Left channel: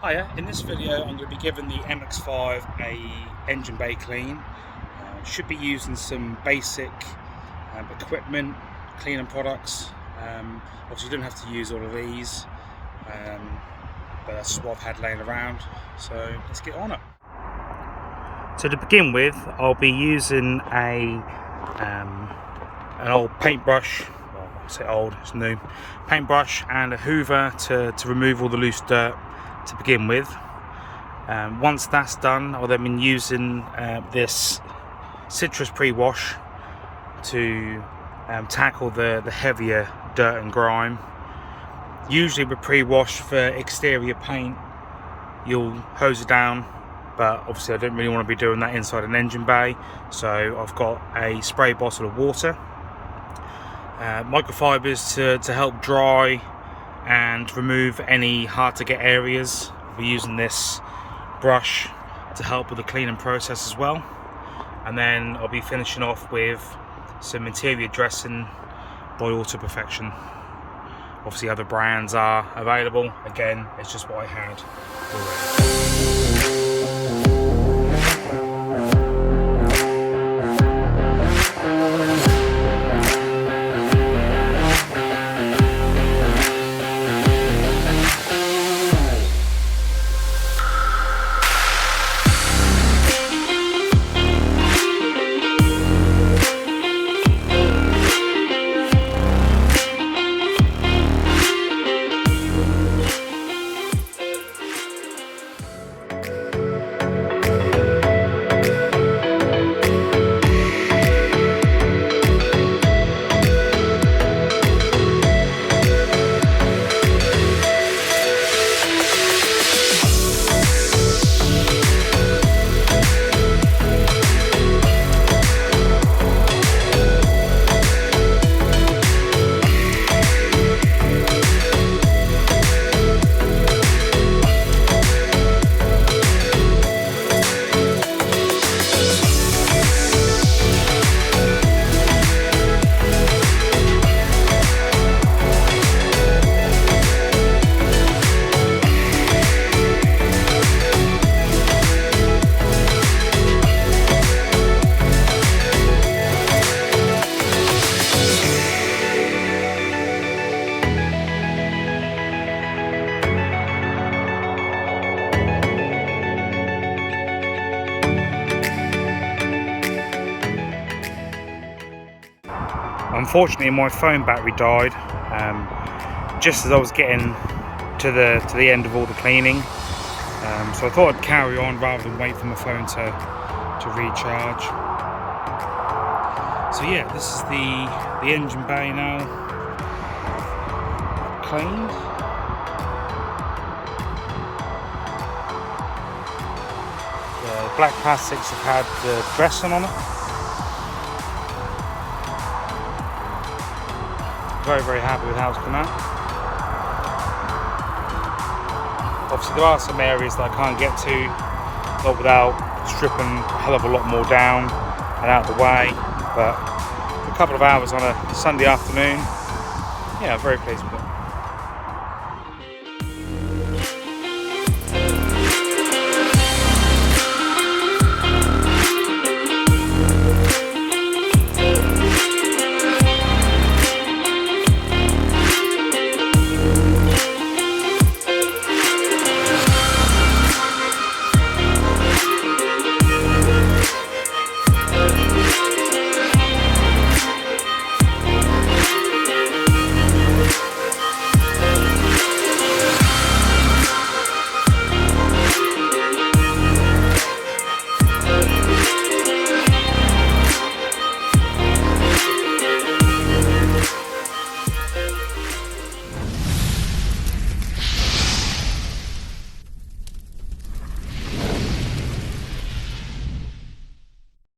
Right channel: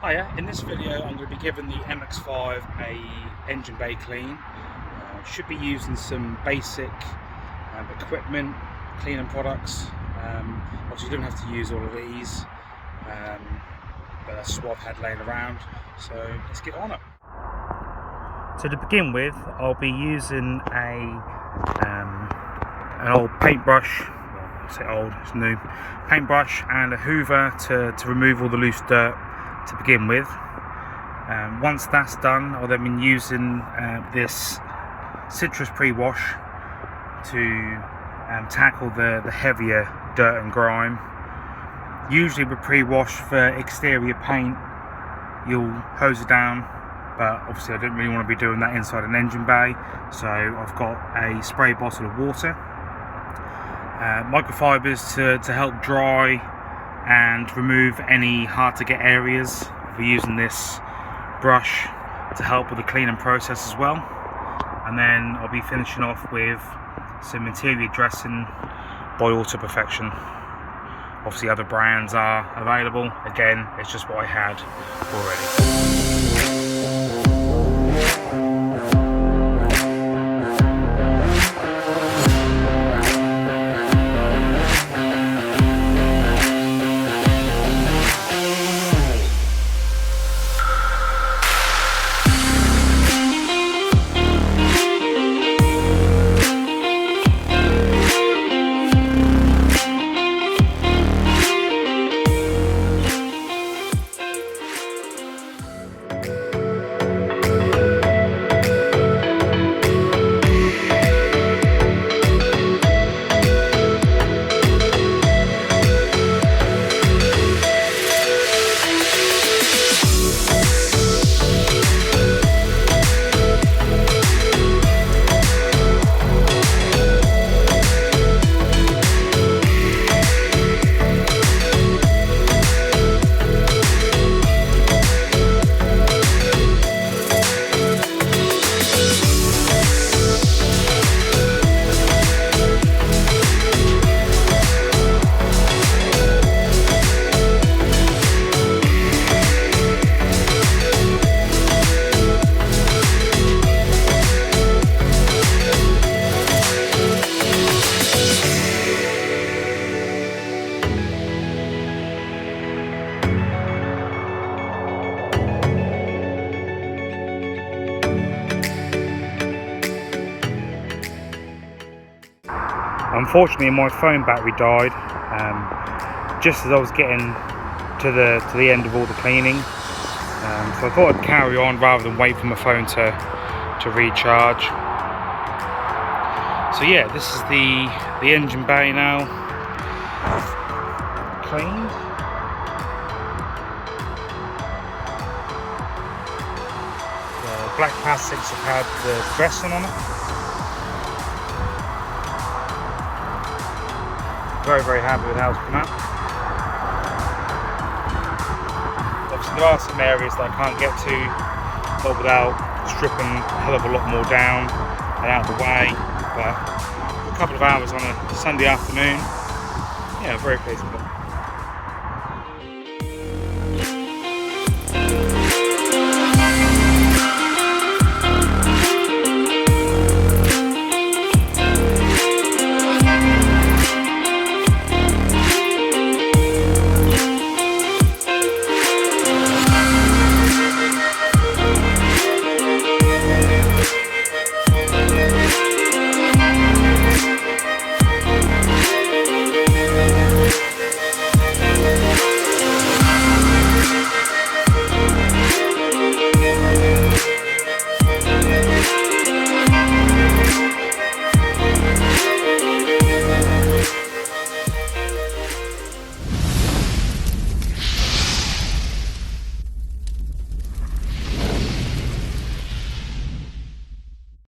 Hiya, in this video I'm going to be giving the MX5 a engine bay clean. Should be using some basic equipment, cleaning products. Obviously you don't have to use all of these, but that's just what I've had laying around, so let's get on it. So to begin with, I'll be using an old paintbrush, well I say old, it's new, paintbrush and a hoover to remove all the loose dirt to begin with. Once that's done, I'll then be using this citrus pre-wash to tackle the heavier dirt and grime. Usually with pre-wash for exterior paint, you'll hose it down, but obviously I don't really want to be doing that inside an engine bay, so I've got a spray bottle of water, microfibers to help dry and remove any hard to get areas. We're using this brush to help with the cleaning process as well, and then I'll be finishing off with some interior dressing by Auto Perfection. Obviously other brands are available, again it's just what I had already. Unfortunately, my phone battery died just as I was getting to the end of all the cleaning, so I thought I'd carry on rather than wait for my phone to recharge. So yeah, this is the engine bay now cleaned. The black plastics have had the dressing on it. Very happy with how it's come out. Obviously there are some areas that I can't get to, not without stripping a hell of a lot more down and out of the way, but for a couple of hours on a Sunday afternoon, yeah, very pleased with it.